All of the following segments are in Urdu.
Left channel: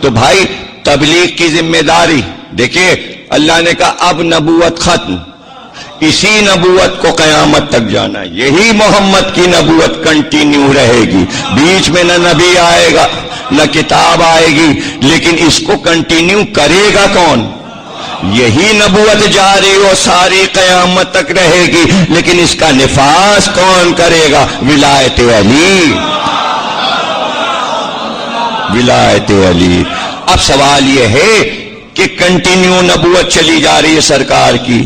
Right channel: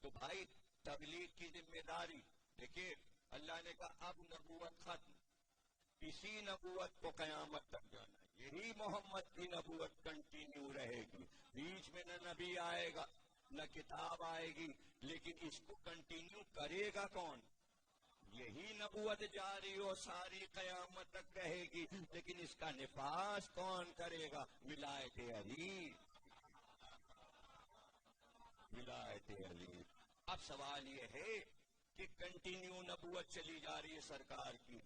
تو بھائی تبلیغ کی ذمہ داری دیکھیے، اللہ نے کہا اب نبوت ختم، اسی نبوت کو قیامت تک جانا ہے، یہی محمد کی نبوت کنٹینیو رہے گی، بیچ میں نہ نبی آئے گا نہ کتاب آئے گی، لیکن اس کو کنٹینیو کرے گا کون؟ یہی نبوت جاری و ساری قیامت تک رہے گی، لیکن اس کا نفاذ کون کرے گا؟ ولایت علی، ولایت علی۔ اب سوال یہ ہے کہ کنٹینیو نبوت چلی جا رہی ہے سرکار کی،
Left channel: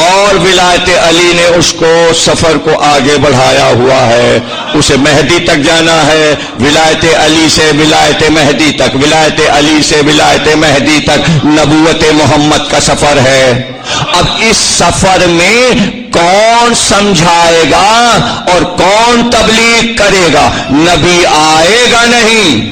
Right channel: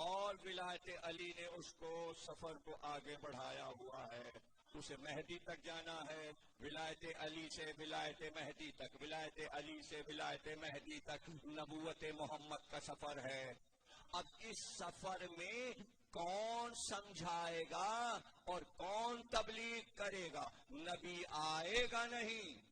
اور ولایت علی نے اس کو سفر کو آگے بڑھایا ہوا ہے، اسے مہدی تک جانا ہے، ولایت علی سے ولایت مہدی تک، ولایت علی سے ولایت مہدی تک نبوت محمد کا سفر ہے۔ اب اس سفر میں کون سمجھائے گا اور کون تبلیغ کرے گا؟ نبی آئے گا نہیں،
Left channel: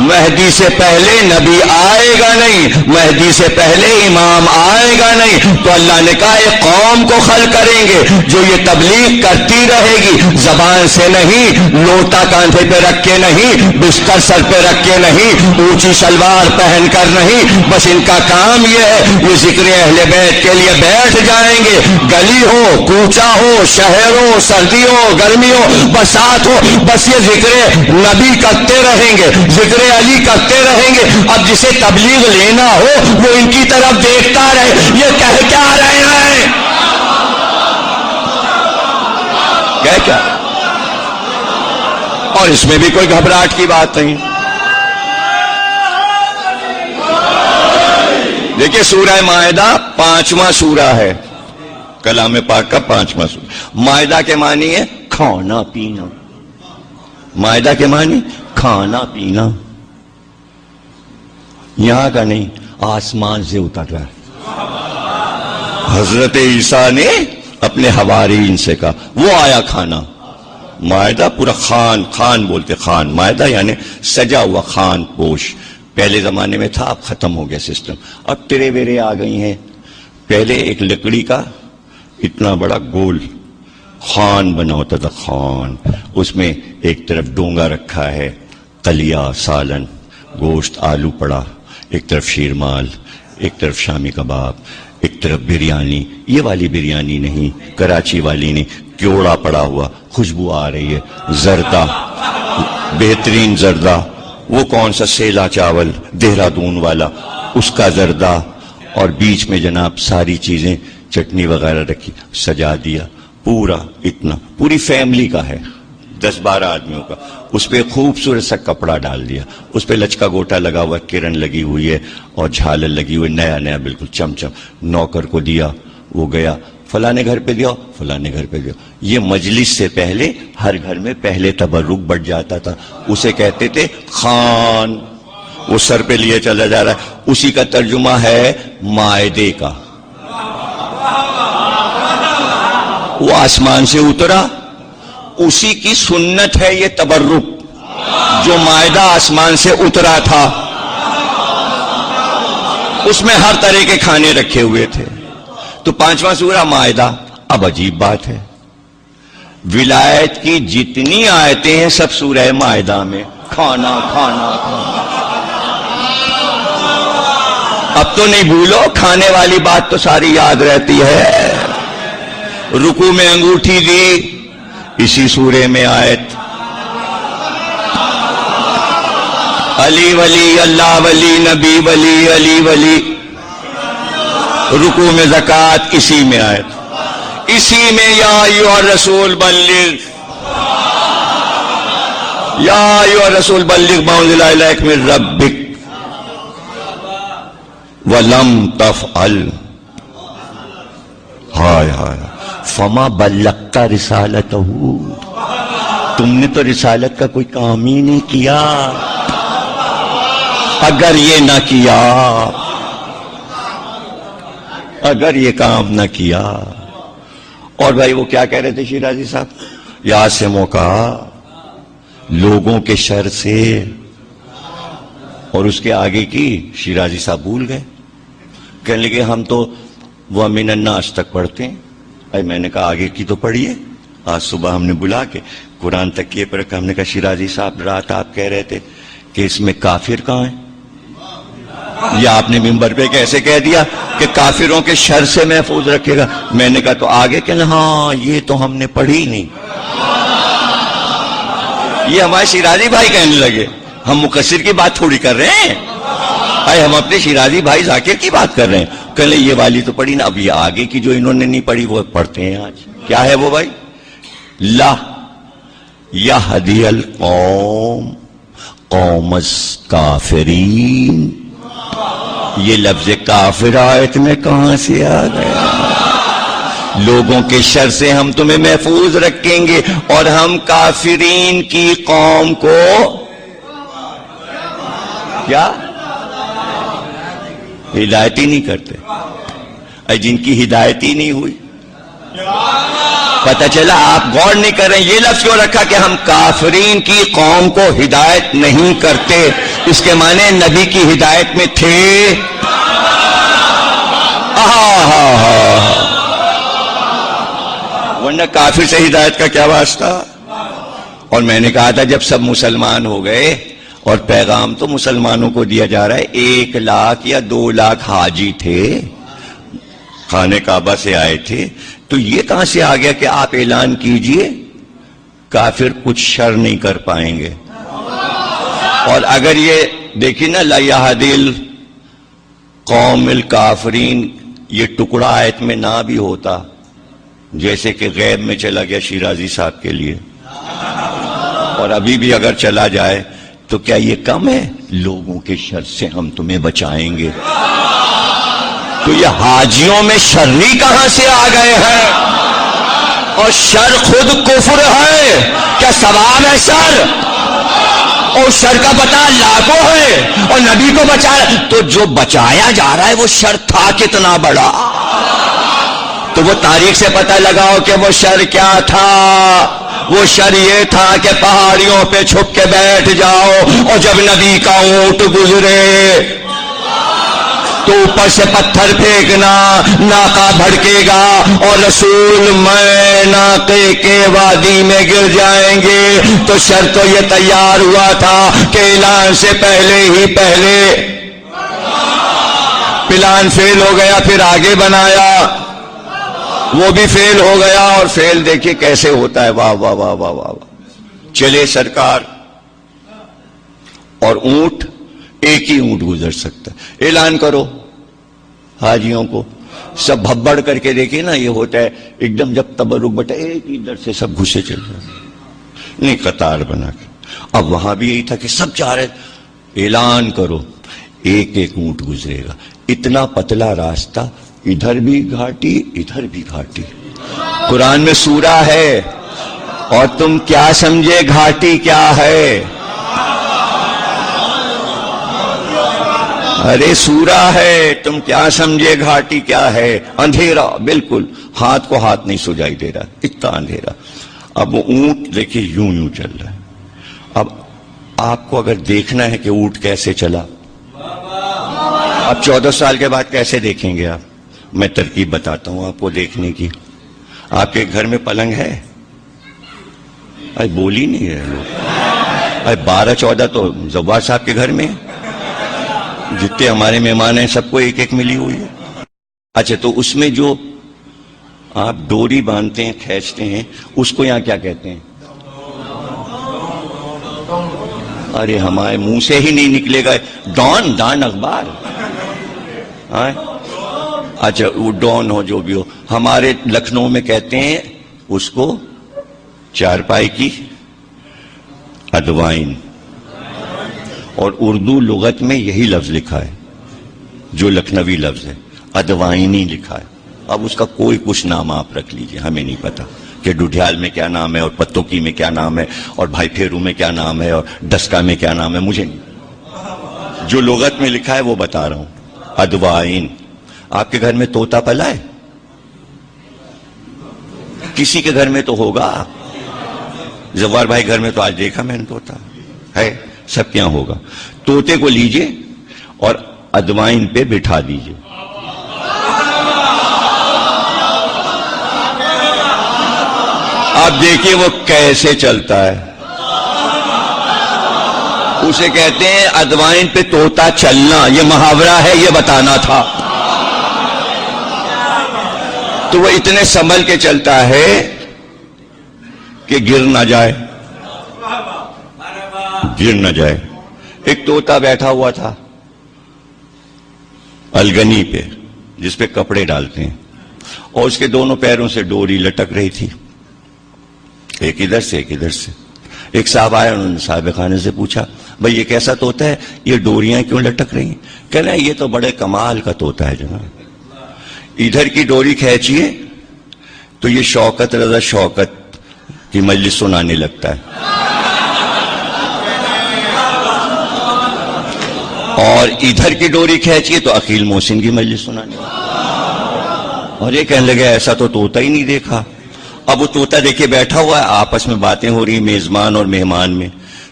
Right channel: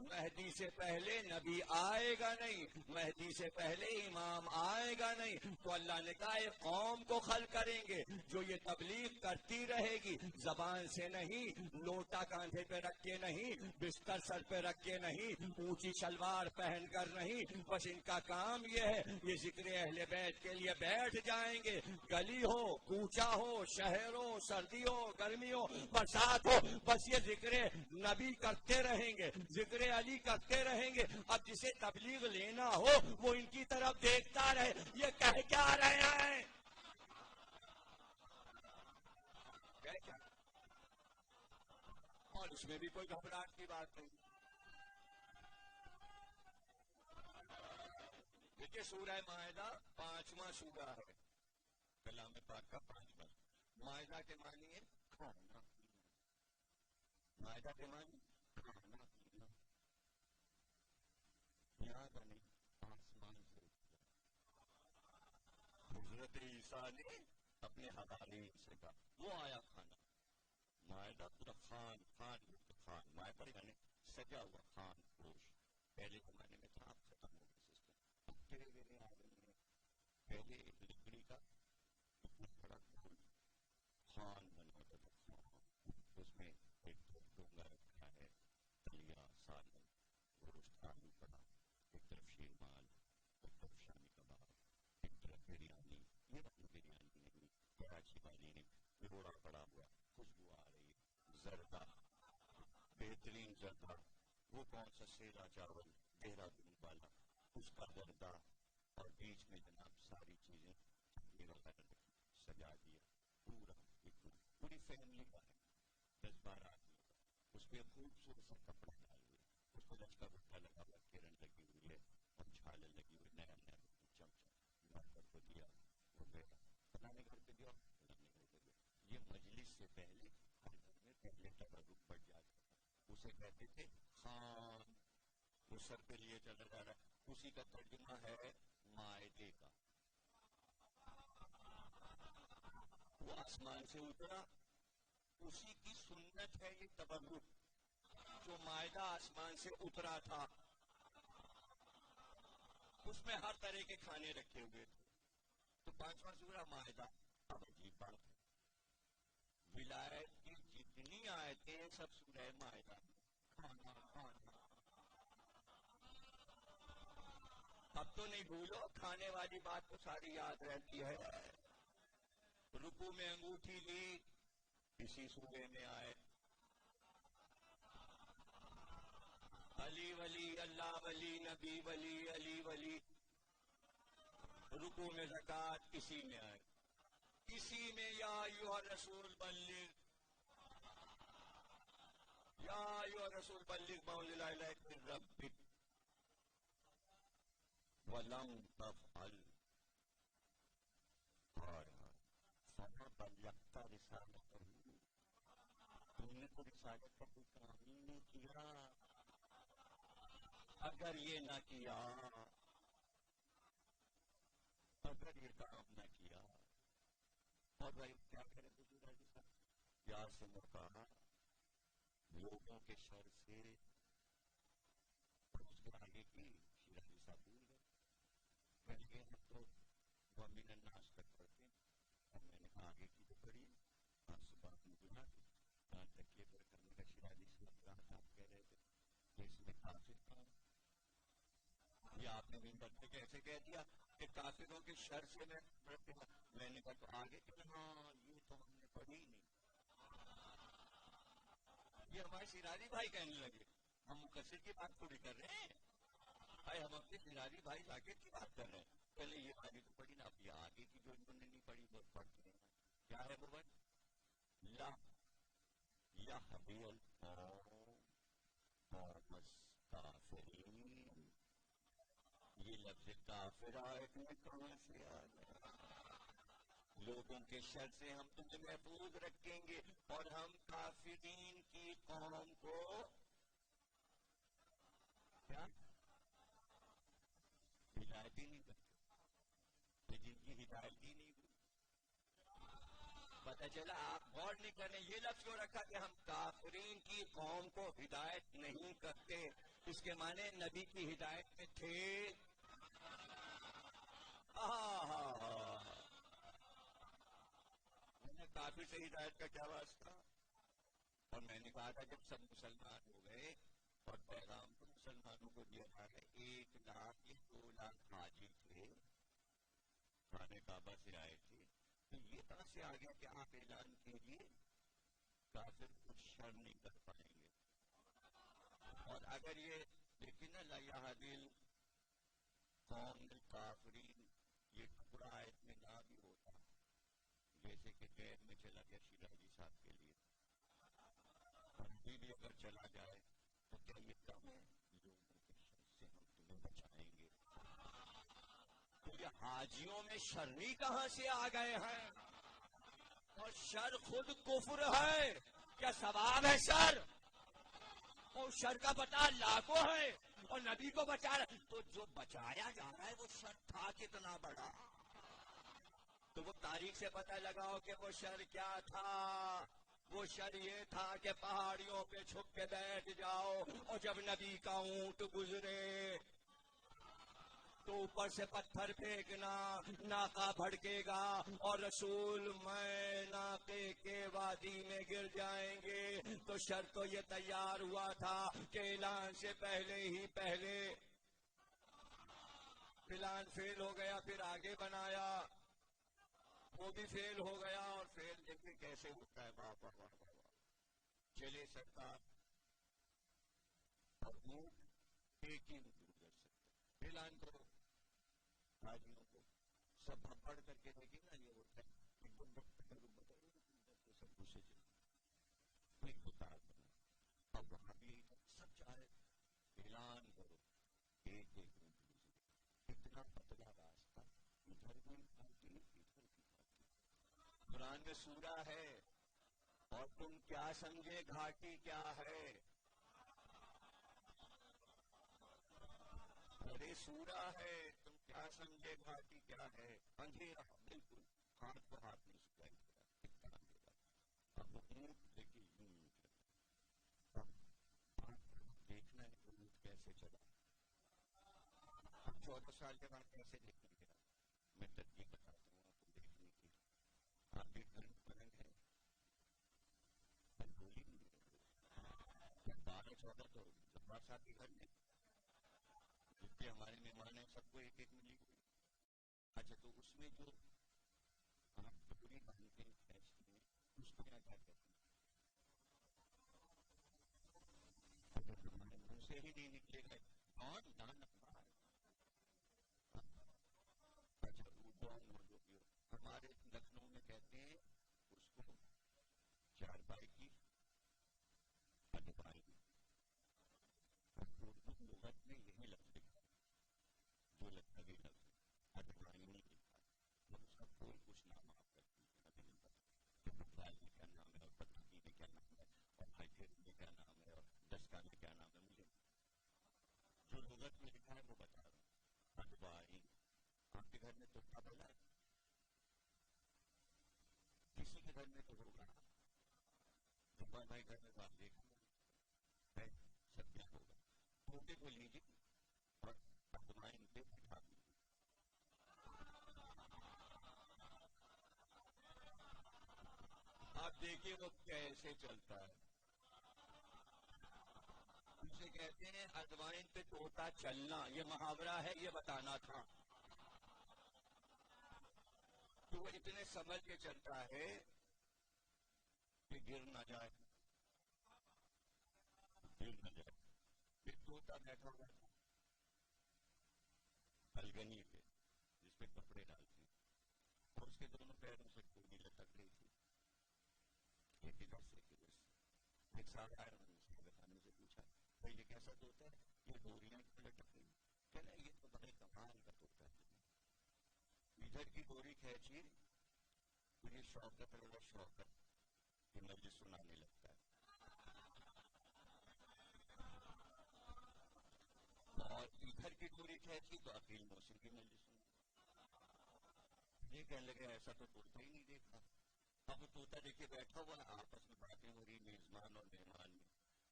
مہدی سے پہلے نبی آئے گا نہیں، مہدی سے پہلے امام آئے گا نہیں، تو اللہ نے کہا ایک قوم کو خل کریں گے جو یہ تبلیغ کرتی رہے گی، زبان سے نہیں، لوٹا کاندھے پہ رکھ کے نہیں، بستر سر پہ رکھ کے نہیں، اونچی شلوار پہن کر نہیں، بس ان کا کام یہ ہے، یہ ذکر اہل بیت کے لیے بیٹھ جائیں گے، گلی ہو، کوچہ ہو، شہر ہو، سردی ہو، گرمی ہو، برسات ہو، بس یہ ذکر نبی کرتے رہیں گے، ذکر علی کرتے رہیں گے۔ اب جسے تبلیغ لینا ہو وہ ان کی طرف دیکھتا رہے، یہ کہہ کیا رہے ہیں؟ کیا؟ اور اس میں بھی کوئی گھبراہٹ کی بات نہیں۔ دیکھیے سورہ مائدہ 5واں سورہ ہے، کلام پاک کا 5واں سورہ۔ مائدہ کے معنی ہے کھانا پینا، مائدہ کے معنی کھانا پینا، یہاں کا نہیں، آسمان سے اتر رہا ہے۔ حضرت عیسیٰ نے اپنے حوارین سے کہا، وہ آیا کھانا، مائدہ پورا خان، خان بولتے خان، مائدہ یعنی سجا ہوا خان پوش، پہلے زمانے میں تھا، اب ختم ہو گیا سسٹم، اب ترے بیرے آ گئی ہیں۔ پہلے ایک لکڑی کا اتنا بڑا گول خان بنا ہوتا تھا، خان، اس میں ایک طرف ڈونگا رکھا ہے، قلیہ، سالن، گوشت، آلو پڑا، ایک طرف شیرمال، ایک طرف شامی کباب، ایک طرف بریانی، یہ والی بریانی نہیں، کراچی والی نہیں، کیوڑا پڑا ہوا، خوشبو آ رہی ہے، زردہ، بہترین زردہ، وہ کون سا سیلا چاول دہرادون والا، اس کا زردہ، اور بیچ میں جناب ساری چیزیں چٹنی وغیرہ رکھی، سجا دیا، پورا اتنا، پوری فیملی کا ہے، 10-12 آدمیوں کا، اس پہ خوبصورت سا کپڑا ڈال دیا، اس پہ لچکا گوٹا لگا ہوا، کرن لگی ہوئی ہے اور جھالر لگی ہوئی، نیا نیا بالکل چمچم، نوکر کو دیا، وہ گیا فلانے گھر پہ دیا، فلانے گھر پہ دیا۔ یہ مجلس سے پہلے ہر گھر میں پہلے تبرک بڑھ جاتا تھا، اسے کہتے تھے خان، وہ سر پہ لیے چلا جا رہا ہے، اسی کا ترجمہ ہے مائدے کا۔ وہ آسمان سے اترا، اسی کی سنت ہے یہ تبرک، جو مائدہ آسمان سے اترا تھا، اس میں ہر طرح کے کھانے رکھے ہوئے تھے۔ تو 5واں سورہ مائدہ۔ اب عجیب بات ہے، ولایت کی جتنی آیتیں ہیں سب سورہ مائدہ میں، کھانا کھانا کھانا۔ اب تو نہیں بھولو، کھانے والی بات تو ساری یاد رہتی ہے۔ رکوع میں انگوٹھی دی، اسی سورے میں آیت، علی ولی، اللہ ولی، نبی ولی، علی ولی۔ رکوع میں زکوٰۃ، اسی میں آیت، اسی میں یا ایھا الرسول بلغ، یا ایھا الرسول بلغ ما انزل الیک من ربک ولم تفعل، ہائے ہائے فما بلغت رسالتہ، تم نے تو رسالت کا کوئی کام ہی نہیں کیا۔ اگر یہ نہ کیا، اگر یہ کام نہ کیا۔ اور بھائی وہ کیا کہہ رہے تھے شیرازی صاحب؟ یا سے موقع لوگوں کے شر سے، اور اس کے آگے کی شیرازی صاحب بھول گئے، کہنے لگے ہم تو وَمِنَ النَّاسِ تک پڑھتے ہیں۔ اے میں نے کہا آگے کی تو پڑھیے۔ آج صبح ہم نے بلا کے قرآن تک یہ پر رکھا، ہم نے کہا شیرازی صاحب رات آپ کہہ رہے تھے کہ اس میں کافر کہاں ہیں؟ یہ آپ نے منبر پہ کیسے کہہ دیا کہ کافروں کے شر سے محفوظ رکھے گا؟ میں نے کہا تو آگے کہ ہاں یہ تو ہم نے پڑھی نہیں. یہ ہمارے شیرازی بھائی کہنے لگے ہم مقصر کی بات تھوڑی کر رہے ہیں، ہم اپنے شیرازی بھائی ذاکر کی بات کر رہے ہیں. کہنے یہ والی تو پڑھی نا، اب یہ آگے کی جو انہوں نے نہیں پڑھی وہ پڑھتے ہیں آج. کیا ہے وہ بھائی؟ لا یہدی القوم قوم الکافرین. یہ لفظ کافر آیت میں کہاں سے آ گیا؟ لوگوں کے شر سے ہم تمہیں محفوظ رکھیں گے اور ہم کافرین کی قوم کو کیا ہدایت ہی نہیں کرتے. جن کی ہدایت ہی نہیں ہوئی، پتہ چلا آپ غور نہیں کر رہے ہیں. یہ لفظ کیوں رکھا کہ ہم کافرین کی قوم کو ہدایت نہیں کرتے؟ اس کے معنی نبی کی ہدایت میں تھے. ورنہ کافر سے ہدایت کا کیا واسطہ؟ اور میں نے کہا تھا جب سب مسلمان ہو گئے اور پیغام تو مسلمانوں کو دیا جا رہا ہے، 1 لاکھ یا 2 لاکھ حاجی تھے، خانہ کعبہ سے آئے تھے، تو یہ کہاں سے آ گیا کہ آپ اعلان کیجئے کافر کچھ شر نہیں کر پائیں گے؟ اور اگر یہ دیکھیں نا لا یہدی القوم الکافرین، یہ ٹکڑا آیت میں نہ بھی ہوتا، جیسے کہ غیب میں چلا گیا شیرازی صاحب کے لیے، اور ابھی بھی اگر چلا جائے تو کیا یہ کم ہے؟ لوگوں کے شر سے ہم تمہیں بچائیں گے. تو یہ حاجیوں میں شرری کہاں سے آ گئے ہیں؟ اور شر خود کفر ہے، کیا ثواب ہے شر؟ اور شر کا پتہ اللہ کو ہے اور نبی کو بچایا. تو جو بچایا جا رہا ہے وہ شر تھا کتنا بڑا، تو وہ تاریخ سے پتہ لگاؤ کہ وہ شر کیا تھا. وہ شر یہ تھا کہ پہاڑیوں پہ چھپ کے بیٹھ جاؤ اور جب نبی کا اونٹ گزرے تو اوپر سے پتھر پھینکنا، ناقہ بھڑکے گا اور رسول میں ناقے کے وادی میں گر جائیں گے. تو شر تو یہ تیار ہوا تھا کہ اعلان سے پہلے ہی پلان فیل ہو گیا، پھر آگے بنایا، وہ بھی فیل ہو گیا. اور فیل دیکھیے کیسے ہوتا ہے. واہ واہ واہ واہ واہ. چلے سرکار، اور اونٹ ایک ہی اونٹ گزر سکتا ہے. اعلان کرو حاجیوں کو، سب بھبڑ کر کے دیکھیے نا، یہ ہوتا ہے ایک دم جب تبرک بٹا ایک ہی در سے سب گھسے چل رہے نہیں، قطار بنا کے. اب وہاں بھی یہی تھا کہ سب چاہ رہے اعلان کرو، ایک ایک اونٹ گزرے گا. اتنا پتلا راستہ، ادھر بھی گھاٹی ادھر بھی گھاٹی. قرآن میں سورہ ہے اور تم کیا سمجھے گھاٹی کیا ہے؟ ارے سورہ ہے، تم کیا سمجھے گھاٹی کیا ہے؟ اندھیرا، بالکل ہاتھ کو ہاتھ نہیں سجائی دے رہا، اتنا اندھیرا. اب وہ اونٹ دیکھیے یوں چل رہا ہے. اب آپ کو اگر دیکھنا ہے کہ اونٹ کیسے چلا، اب 14 سال کے بعد کیسے دیکھیں گے آپ؟ میں ترکیب بتاتا ہوں آپ کو دیکھنے کی. آپ کے گھر میں پلنگ ہے؟ ارے بول ہی نہیں ہے لوگ. ارے 12-14 تو زوار صاحب کے گھر میں، جتنے ہمارے مہمان ہیں سب کو ایک ایک ملی ہوئی ہے. اچھا تو اس میں جو آپ ڈوری باندھتے ہیں، کھینچتے ہیں، اس کو یہاں کیا کہتے ہیں؟ ارے ہمارے منہ سے ہی نہیں نکلے گا. ڈان اخبار. اچھا وہ ڈون ہو جو بھی ہو، ہمارے لکھنؤ میں کہتے ہیں اس کو چارپائی کی ادوائن. اور اردو لغت میں یہی لفظ لکھا ہے جو لکھنوی لفظ ہے، ادوائنی لکھا ہے. اب اس کا کوئی کچھ نام آپ رکھ لیجئے، ہمیں نہیں پتا کہ ڈڈھیال میں کیا نام ہے اور پتوکی میں کیا نام ہے اور بھائی پھیرو میں کیا نام ہے اور ڈسکا میں کیا نام ہے، مجھے نہیں. جو لغت میں لکھا ہے وہ بتا رہا ہوں. ادوائن. آپ کے گھر میں طوطا پلا ہے؟ کسی کے گھر میں تو ہوگا. زوار بھائی گھر میں تو آج دیکھا میں نے طوطا ہے، سب کیا ہوگا. طوطے کو لیجئے اور ادوائن پہ بٹھا دیجئے. آپ دیکھیے وہ کیسے چلتا ہے. اسے کہتے ہیں ادوائن پہ طوطا چلنا، یہ محاورہ ہے، یہ بتانا تھا۔ تو وہ اتنے سنبھل کے چلتا ہے کہ گر نہ جائے، گر نہ جائے۔ ایک طوطا بیٹھا ہوا تھا الگنی پہ، جس پہ کپڑے ڈالتے ہیں، اور اس کے دونوں پیروں سے ڈوری لٹک رہی تھی، ایک ادھر سے ایک ادھر سے۔ ایک صاحب آئے، انہوں نے صاحب خانے سے پوچھا، بھئی یہ کیسا طوطا ہے، یہ ڈوریاں کیوں لٹک رہی ہیں؟ کہنا یہ تو بڑے کمال کا طوطا ہے جناب، ادھر کی ڈوری کھینچیے تو یہ شوکت رضا شوکت کی مجلس سنانے لگتا ہے، اور ادھر کی ڈوری کھینچیے تو عقیل محسن کی مجلس سنانے لگتا ہے۔ اور یہ کہنے لگے ایسا تو طوطا ہی نہیں دیکھا۔ اب وہ طوطا دیکھے بیٹھا ہوا ہے، آپس میں باتیں ہو رہی میزبان اور مہمان میں،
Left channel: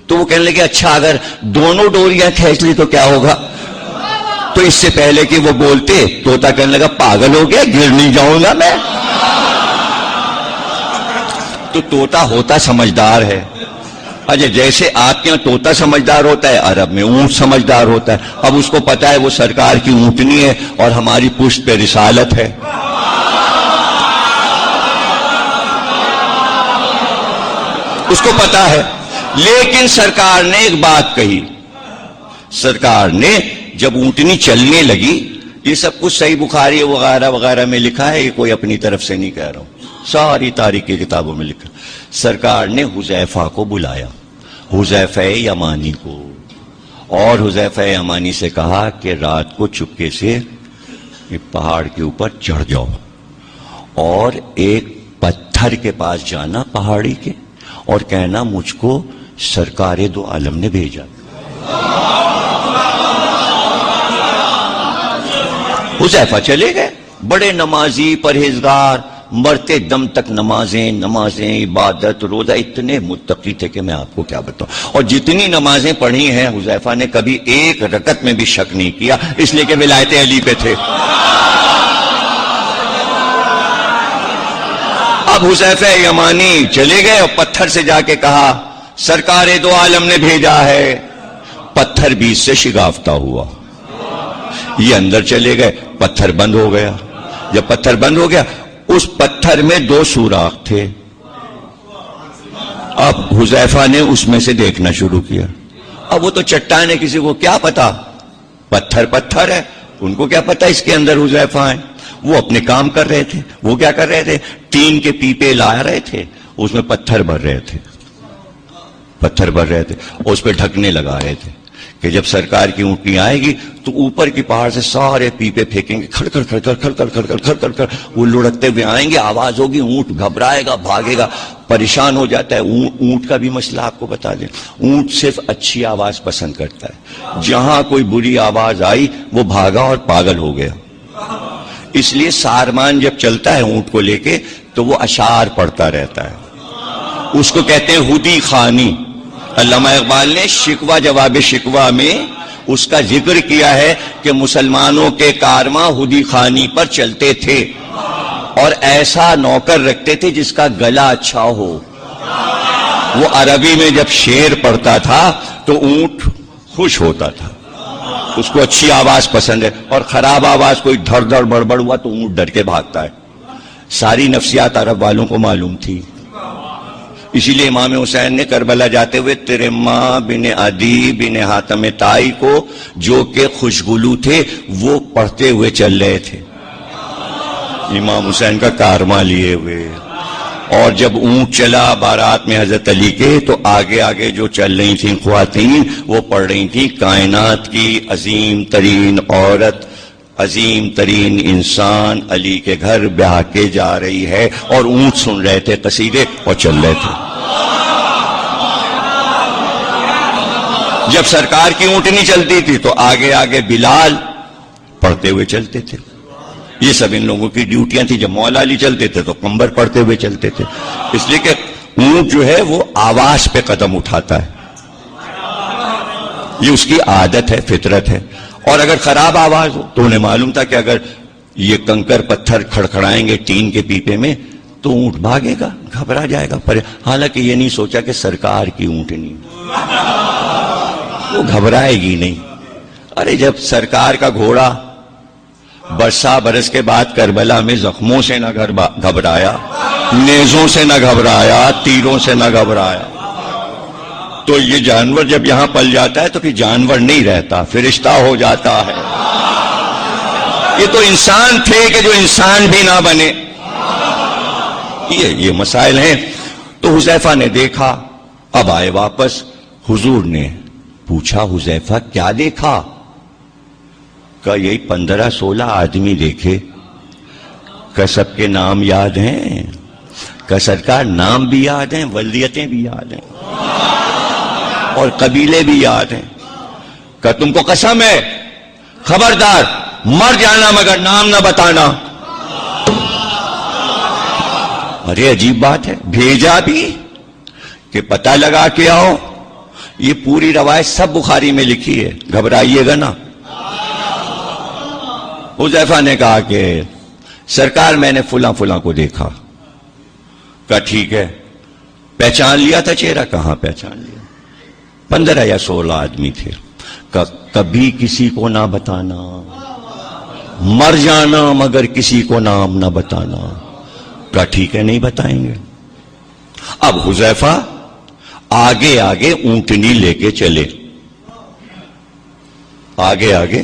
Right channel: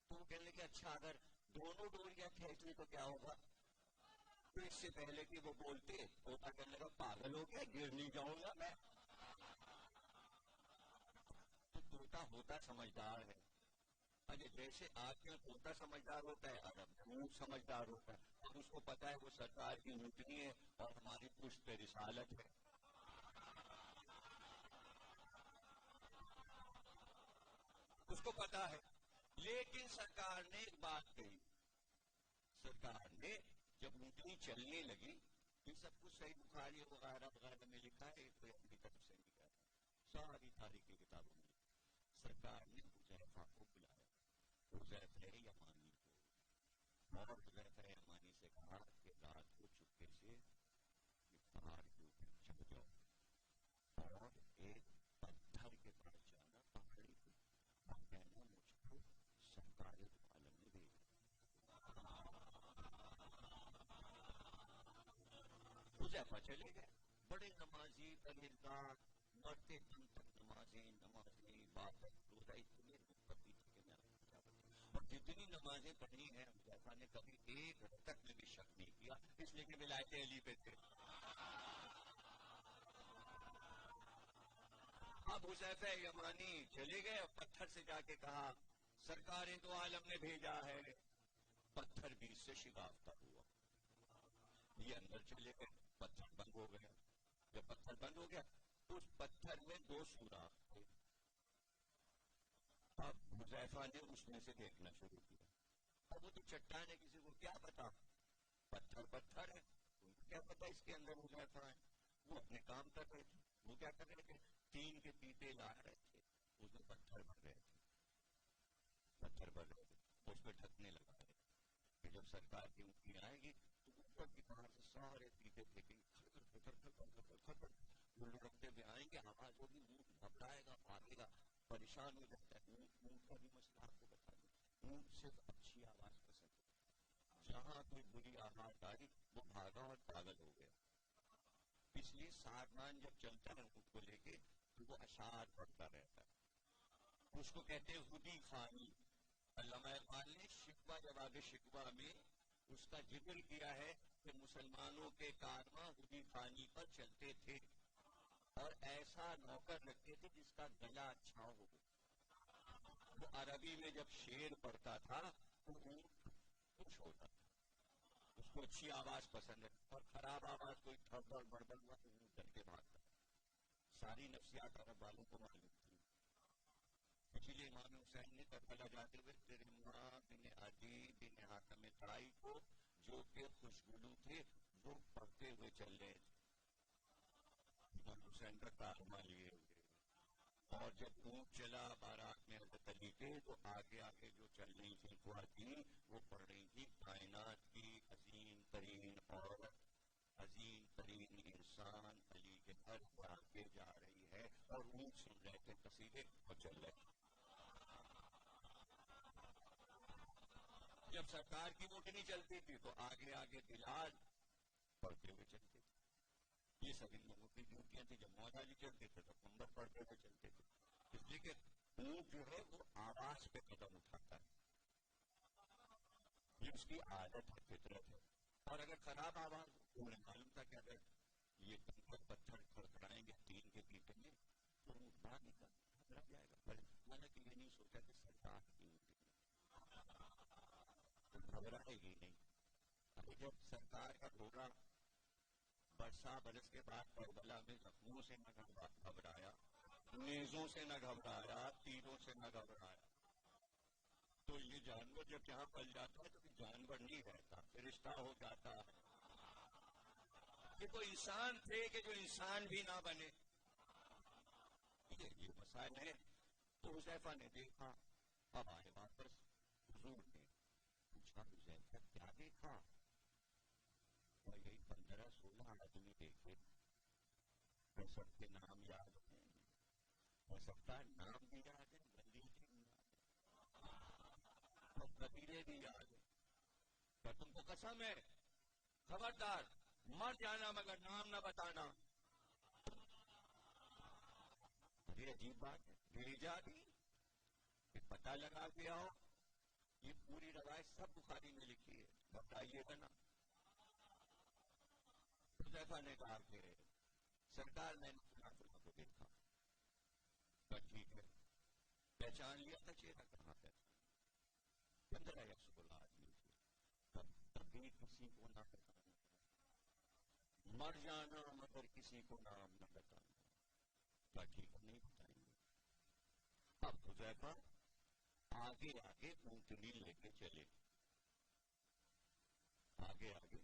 تو وہ کہنے لگے اچھا اگر دونوں ڈوریاں کھینچ لی تو کیا ہوگا؟ تو اس سے پہلے کہ وہ بولتے، طوطا کہنے لگا پاگل ہو گیا، گر نہیں جاؤں گا میں۔ تو طوطا ہوتا سمجھدار ہے۔ اچھا جیسے آپ کے یہاں طوطا سمجھدار ہوتا ہے، عرب میں اونٹ سمجھدار ہوتا ہے۔ اب اس کو پتا ہے وہ سرکار کی اونٹنی ہے اور ہماری پشت پہ رسالت ہے۔ اس کو پتا ہے، لیکن سرکار نے ایک بات کہی۔ سرکار نے جب اونٹنی چلنے لگی، یہ سب کچھ صحیح بخاری وغیرہ وغیرہ میں لکھا ہے، یہ کوئی اپنی طرف سے نہیں کہہ رہا ہوں، ساری تاریخ کی کتابوں میں لکھا۔ سرکار نے حذیفہ کو بلایا، حذیفہ یمانی کو، اور حذیفہ یمانی سے کہا کہ رات کو چپکے سے پہاڑ کے اوپر چڑھ جاؤ اور ایک پتھر کے پاس جانا پہاڑی کے، اور کہنا مجھ کو سرکار دو عالم نے بھیجا۔ حذیفہ چلے گئے، بڑے نمازی پرہیزگار، مرتے دم تک نمازیں عبادت روزہ، اتنے متقی تھے کہ میں آپ کو کیا بتاؤں۔ اور جتنی نمازیں پڑھی ہیں حذیفہ نے کبھی ایک رکعت میں بھی شک نہیں کیا، اس لیے کہ ولایت علی پہ تھے۔ اب حذیفہ یمانی چلے گئے اور پتھر سے جا کے کہا سرکار دو عالم نے بھیجا ہے۔ پتھر بیچ سے شگافتہ ہوا، یہ اندر چلے گئے، پتھر بند ہو گیا۔ جب پتھر بند ہو گیا، اس پتھر میں 2 سوراخ تھے۔ اب حذیفہ نے اس میں سے دیکھنا شروع کیا۔ اب وہ تو چٹان ہے، کسی کو کیا پتا، پتھر ہے، ان کو کیا پتا اس کے اندر حذیفہ ہیں۔ وہ اپنے کام کر رہے تھے۔ وہ کیا کر رہے تھے؟ ٹین کے پیپے لا رہے تھے، اس میں پتھر بھر رہے تھے، اور اس پہ ڈھکنے لگا رہے تھے کہ جب سرکار کی اونٹنی آئے گی تو اوپر کی پہاڑ سے سارے پیپے پھینکیں گے، کھڑ کر وہ لڑکتے ہوئے آئیں گے، آواز ہوگی، اونٹ گھبرائے گا، بھاگے گا، پریشان ہو جاتا ہے۔ اونٹ کا بھی مسئلہ آپ کو بتا دیں، اونٹ صرف اچھی آواز پسند کرتا ہے، جہاں کوئی بری آواز آئی وہ بھاگا اور پاگل ہو گیا۔ اس لیے سارمان جب چلتا ہے اونٹ کو لے کے تو وہ اشعار پڑھتا رہتا ہے، اس کو کہتے ہیں ہدی خوانی۔ علامہ اقبال نے شکوہ جواب شکوہ میں اس کا ذکر کیا ہے کہ مسلمانوں کے کارواں ہدی خوانی پر چلتے تھے اور ایسا نوکر رکھتے تھے جس کا گلا اچھا ہو۔ وہ عربی میں جب شعر پڑھتا تھا تو اونٹ خوش ہوتا تھا، اس کو اچھی آواز پسند ہے، اور خراب آواز کوئی دھڑ دھڑ بڑبڑ ہوا تو اونٹ ڈر کے بھاگتا ہے۔ ساری نفسیات عرب والوں کو معلوم تھی، اسی لیے امام حسین نے کربلا جاتے ہوئے تیرے ماں بن عدی بن حاتم تائی کو جو کہ خوشگلو تھے وہ پڑھتے ہوئے چل رہے تھے، امام حسین کا کارواں لیے ہوئے۔ اور جب اونٹ چلا بارات میں حضرت علی کے تو آگے آگے جو چل رہی تھیں خواتین وہ پڑھ رہی تھیں کائنات کی عظیم ترین عورت، عظیم ترین انسان علی کے گھر بیاہ کے جا رہی ہے، اور اونٹ سن رہے تھے قصیدے اور چل رہے تھے۔ جب سرکار کی اونٹنی چلتی تھی تو آگے آگے بلال پڑھتے ہوئے چلتے تھے۔ یہ سب ان لوگوں کی ڈیوٹیاں تھی۔ جب مولا علی چلتے تھے تو قمبر پڑھتے ہوئے چلتے تھے، اس لیے کہ اونٹ جو ہے وہ آواز پہ قدم اٹھاتا ہے، یہ اس کی عادت ہے، فطرت ہے۔ اور اگر خراب آواز ہو تو انہیں معلوم تھا کہ اگر یہ کنکر پتھر کھڑکھڑائیں گے ٹین کے پیپے میں تو اونٹ بھاگے گا، گھبرا جائے گا، حالانکہ یہ نہیں سوچا کہ سرکار کی اونٹنی۔ وہ گھبرائے گی نہیں. ارے جب سرکار کا گھوڑا برسا برس کے بعد کربلا میں زخموں سے نہ گھبرایا, نیزوں سے نہ گھبرایا, تیروں سے نہ گھبرایا, تو یہ جانور جب یہاں پل جاتا ہے تو پھر جانور نہیں رہتا, فرشتہ ہو جاتا ہے. یہ تو انسان تھے کہ جو انسان بھی نہ بنے. یہ مسائل ہیں. تو حذیفہ نے دیکھا, اب آئے واپس. حضور نے پوچھا, حذیفہ کیا دیکھا؟ کہ یہی 15-16 آدمی دیکھے. کہ سب کے نام یاد ہیں؟ کہ سرکار نام بھی یاد ہیں, ولدیتیں بھی یاد ہیں, اور قبیلے بھی یاد ہیں. کہ تم کو قسم ہے, خبردار مر جانا مگر نام نہ بتانا. ارے عجیب بات ہے, بھیجا بھی کہ پتہ لگا کے آؤ. یہ پوری روایت سب بخاری میں لکھی ہے, گھبرائیے گا نا. حذیفہ نے کہا کہ سرکار میں نے فلاں فلاں کو دیکھا. کہا ٹھیک ہے, پہچان لیا تھا چہرہ؟ کہاں پہچان لیا. 15 یا 16 آدمی تھے. کبھی کسی کو نہ بتانا, مر جانا مگر کسی کو نام نہ بتانا. کہا ٹھیک ہے, نہیں بتائیں گے. اب حذیفہ آگے آگے اونٹنی لے کے چلے, آگے آگے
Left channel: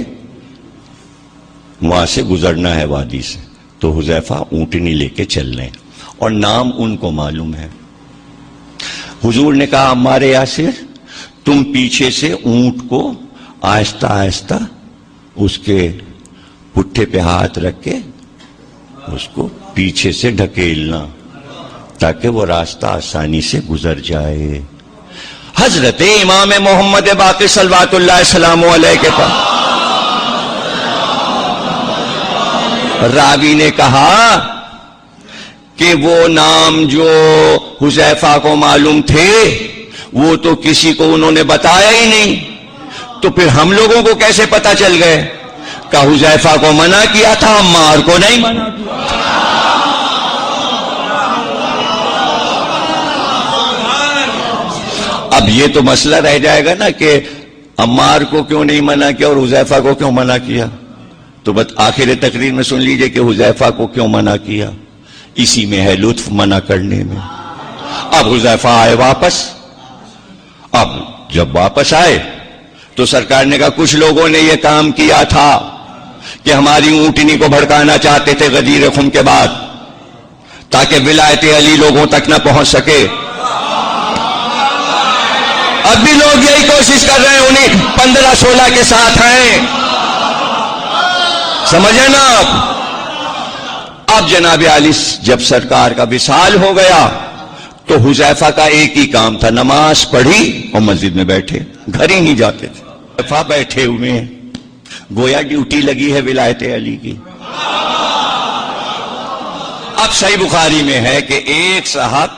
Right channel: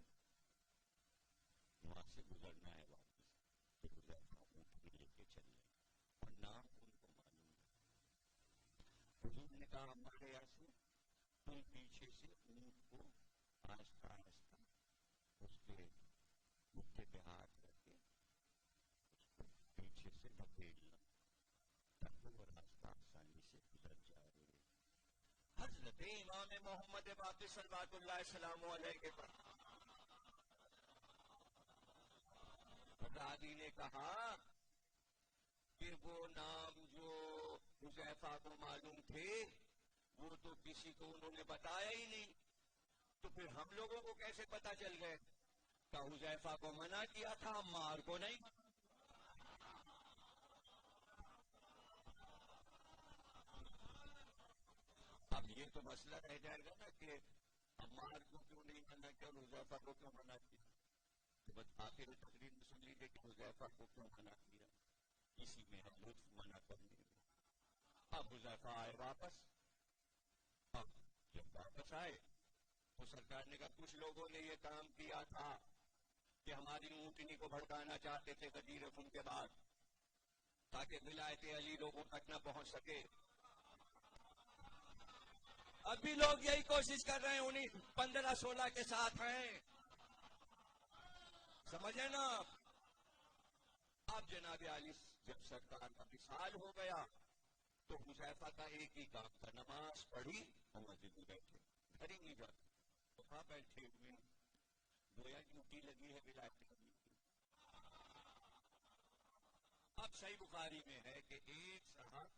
وہاں سے گزرنا ہے وادی سے. تو حذیفہ اونٹنی لے کے چل رہے ہیں اور نام ان کو معلوم ہے. حضور نے کہا عمار یاسر, تم پیچھے سے اونٹ کو آہستہ آہستہ اس کے پٹھے پہ ہاتھ رکھ کے اس کو پیچھے سے ڈھکیلنا تاکہ وہ راستہ آسانی سے گزر جائے. حضرت امام محمد باقر صلوات اللہ السلام علیہ کے پاس راوی نے کہا کہ وہ نام جو حذیفہ کو معلوم تھے وہ تو کسی کو انہوں نے بتایا ہی نہیں, تو پھر ہم لوگوں کو کیسے پتا چل گئے؟ کہ حذیفہ کو منع کیا تھا, عمار کو نہیں منع کیا. اب یہ تو مسئلہ رہ جائے گا نا کہ عمار کو کیوں نہیں منع کیا اور حذیفہ کو کیوں منع کیا. تو بس آخر تقریر میں سن لیجئے کہ حذیفہ کو کیوں منع کیا. اسی میں ہے لطف منع کرنے میں. اب حذیفہ آئے واپس. اب جب واپس آئے تو سرکار نے کہا کچھ لوگوں نے یہ کام کیا تھا کہ ہماری اونٹنی کو بھڑکانا چاہتے تھے غدیر خم کے بعد, تاکہ ولایت علی لوگوں تک نہ پہنچ سکے. اب بھی لوگ یہی کوشش کر رہے ہیں, انہیں 15-16 کے ساتھ ہیں. سمجھے نا آپ؟ اب جناب علی جب سرکار کا وصال ہو گیا تو حذیفہ کا ایک ہی کام تھا, نماز پڑھی اور مسجد میں بیٹھے, گھر ہی نہیں جاتے تھے. حذیفہ بیٹھے ہوئے ہیں, گویا ڈیوٹی لگی ہے ولایت علی کی. اب صحیح بخاری میں ہے کہ ایک صاحب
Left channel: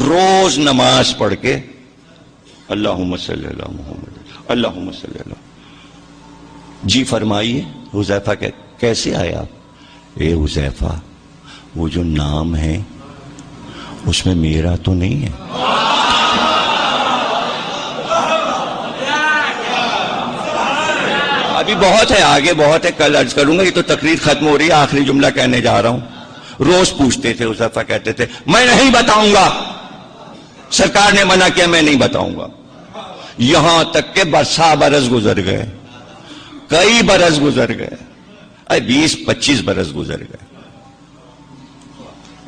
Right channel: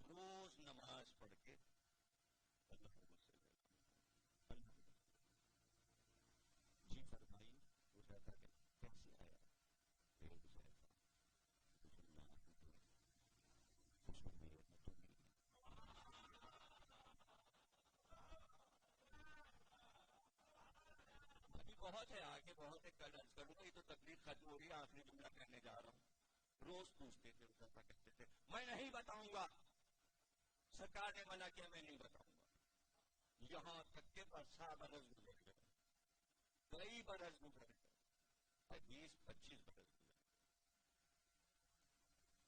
روز نماز پڑھ کے اللہم صلی اللہ محمد اللہم صلی اللہ. جی فرمائیے. حذیفہ کیسے آیا آپ؟ اے حذیفہ, وہ جو نام ہے اس میں میرا تو نہیں ہے. ابھی بہت ہے, آگے بہت ہے, کل عرض کروں گا. یہ تو تقریر ختم ہو رہی ہے, آخری جملہ کہنے جا رہا ہوں. روز پوچھتے تھے حذیفہ, کہتے تھے میں نہیں بتاؤں گا, سرکار نے منع کیا, میں نہیں بتاؤں گا. یہاں تک کہ برسا برس گزر گئے, کئی برس گزر گئے, 20-25 برس گزر گئے.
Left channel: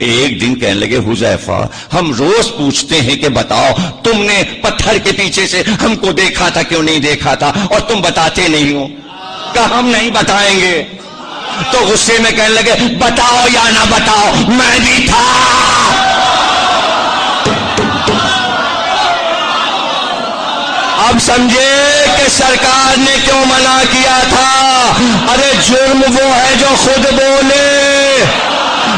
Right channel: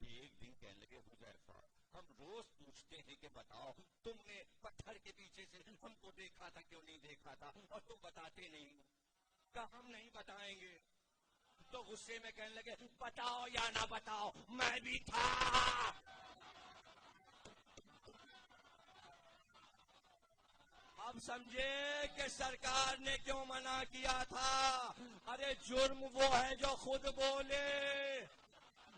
ایک دن کہنے لگے حذیفہ ہم روز پوچھتے ہیں کہ بتاؤ تم نے پتھر کے پیچھے سے ہم کو دیکھا تھا کیوں نہیں دیکھا تھا, اور تم بتاتے نہیں ہو. کہ ہم نہیں بتائیں گے. تو غصے میں کہنے لگے بتاؤ یا نہ بتاؤ, میں بھی تھا. اب سمجھے کہ سرکار نے کیوں منع کیا تھا. ارے جرم وہ ہے جو خود بولے.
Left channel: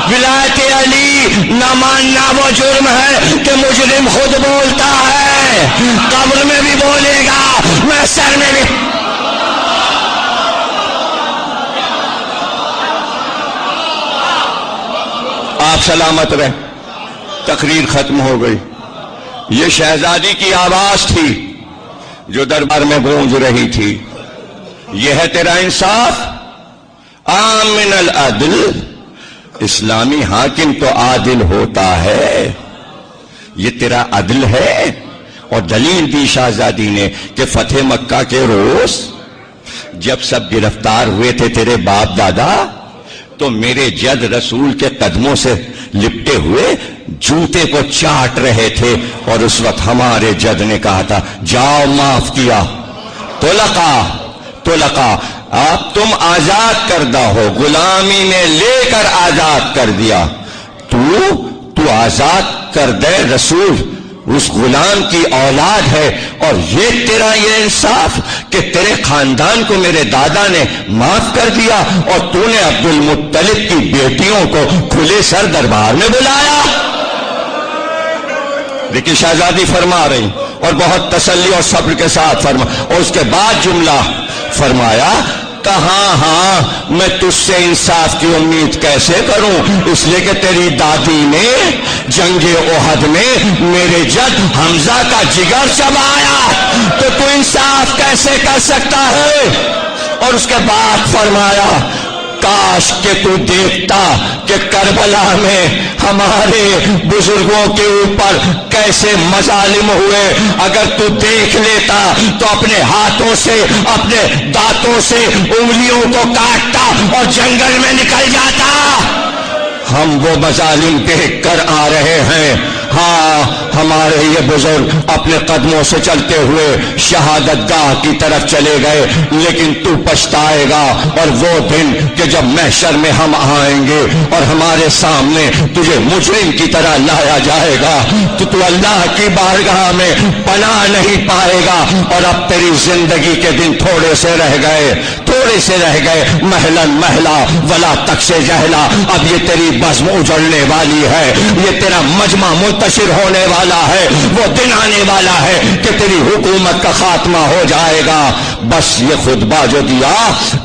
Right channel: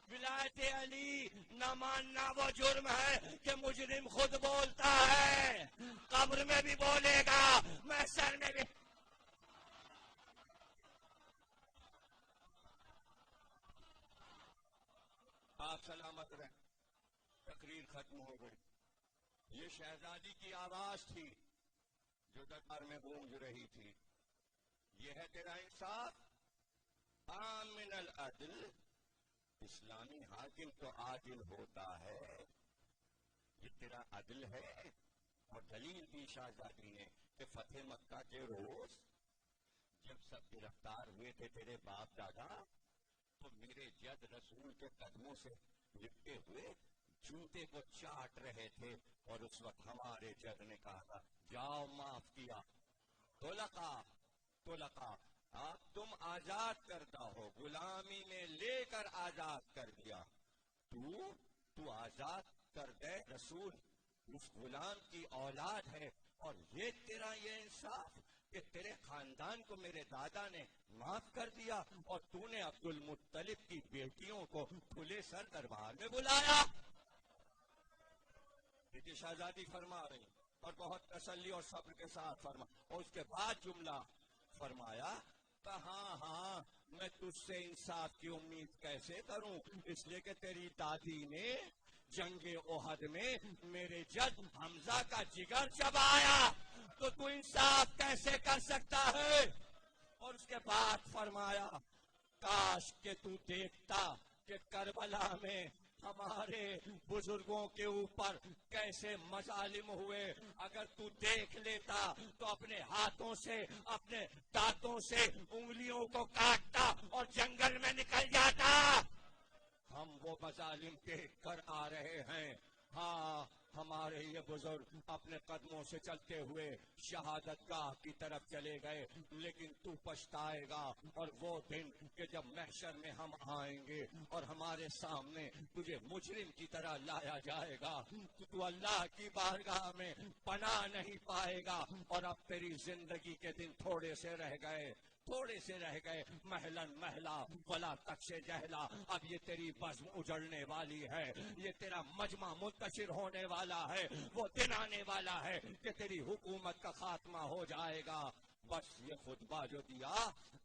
ولایت علی نہ ماننا وہ جرم ہے کہ مجرم خود بولتا ہے. قبر میں بھی بولے گا, محشر میں بھی. آپ سلامت رہے. تقریر ختم ہو گئی. یہ شہزادی کی آواز تھی. جو دربار میں گونج رہی تھی، یہ ہے تیرا انصاف؟ آمن العدل، اسلامی حاکم تو عادل ہوتا ہے، یہ تیرا عدل ہے؟ اور دلیل دی شہزادی نے کہ فتح مکہ کے روز جب سب گرفتار ہوئے تھے تیرے باپ دادا، تو میرے جد رسول کے قدموں سے لپٹے ہوئے جوتے کو چاٹ رہے تھے، اور اس وقت ہمارے جد نے کہا تھا جاؤ معاف کیا، طلقا، آپ تم آزاد کردہ ہو، غلامی نے لے کر آزاد کر دیا، تو آزاد کردہ رسول اس غلام کی اولاد ہے، اور یہ تیرا یہ انصاف کہ تیرے خاندان کو میرے دادا نے معاف کر دیا، اور تو نے عبد المطلب کی بیٹیوں کو کھلے سر دربار میں بلایا۔ دیکھیں شہزادی فرما رہی، اور بہت تسلی اور صبر کے ساتھ فرما، اور اس کے بعد جملہ فرمایا ہاں میں تجھ سے انصاف کی امید کیسے کروں، اس لیے کہ تیری دادی نے جنگ احد میں میرے جد حمزہ کا جگر چبایا، تو انصاف کیسے کر سکتا ہے؟ اور اس کے بعد فرمایا کاش کہ تو دیکھتا کہ کربلا میں ہمارے بزرگوں کے اوپر کیسے مظالم ہوئے، اگر تو دیکھ لیتا تو اپنے ہاتھوں سے اپنے دانتوں سے انگلیوں کو کاٹتا اور جنگل میں نکل جاتا۔ ہم وہ مظالم دیکھ کر آ رہے ہیں، ہاں ہمارے یہ بزرگ اپنے قدموں سے چلتے ہوئے شہادت گاہ کی طرف چلے گئے، لیکن تو پچھتائے گا، اور وہ دن کہ جب محشر میں ہم آئیں گے اور ہمارے سامنے تجھے مجرم کی طرح لایا جائے گا تو اللہ کی بارگاہ میں پناہ نہیں پائے گا، اور اب تیری زندگی کے دن تھوڑے سے رہ گئے، محلن محلہ ولا تکش جہلا، اب یہ تیری بزم اجڑنے والی ہے، یہ تیرا مجمع منتشر ہونے والا ہے، وہ دن آنے والا ہے کہ تیری حکومت کا خاتمہ ہو جائے گا۔ بس یہ خطبہ جو دیا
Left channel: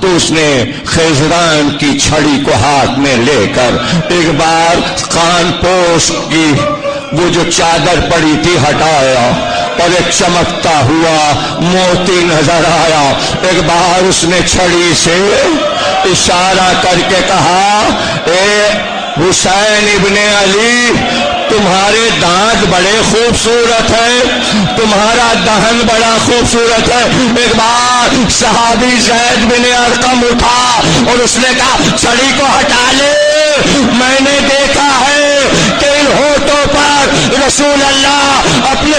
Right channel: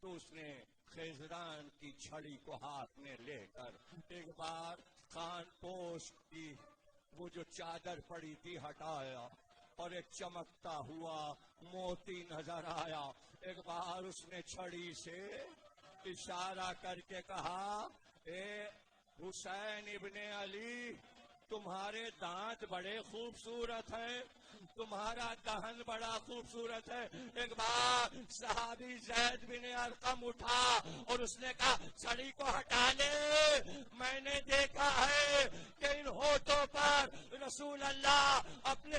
تو اس نے خیزران کی چھڑی کو ہاتھ میں لے کر ایک بار کان پوش کی وہ جو چادر پڑی تھی ہٹایا، اور ایک چمکتا ہوا موتی نظر آیا، ایک بار اس نے چھڑی سے اشارہ کر کے کہا اے حسین ابن علی، تمہارے دانت بڑے خوبصورت ہیں، تمہارا دہن بڑا خوبصورت ہے۔ ایک بار صحابی زید بن ارقم اٹھا اور اس نے کہا چھڑی کو ہٹا لے، میں نے دیکھا ہے کہ ان ہونٹوں پر رسول اللہ اپنے